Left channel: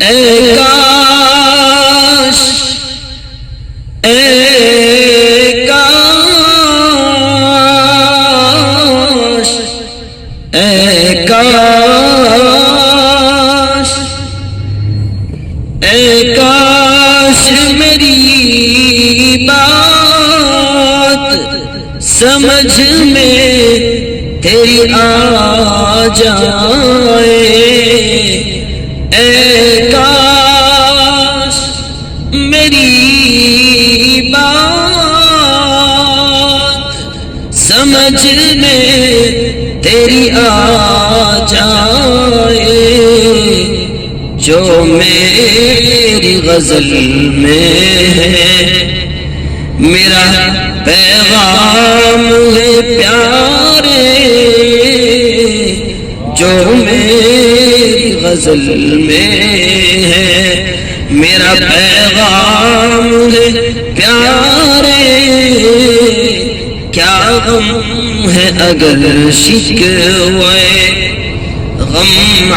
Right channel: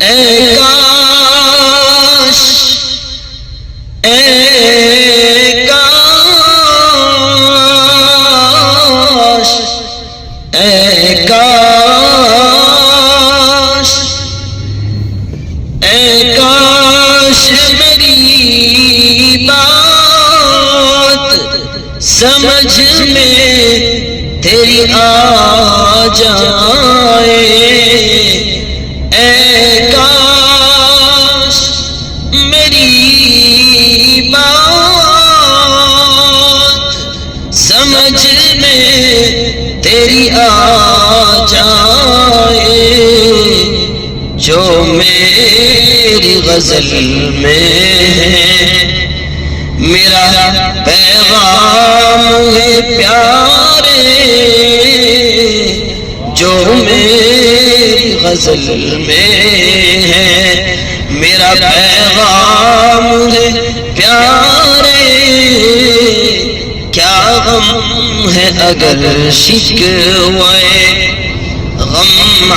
اے کاش اے کاش اے کاش اے کاش میری بات سمجھ میں تیری آ جائے، اے کاش میری بات سمجھ میں تیری آ جائے، جو میری غزل میں ہے میرا پیغام ہے پیارے، جو میری غزل میں ہے میرا پیغام ہے پیارے، کیا غم ہے اگر شکوے غم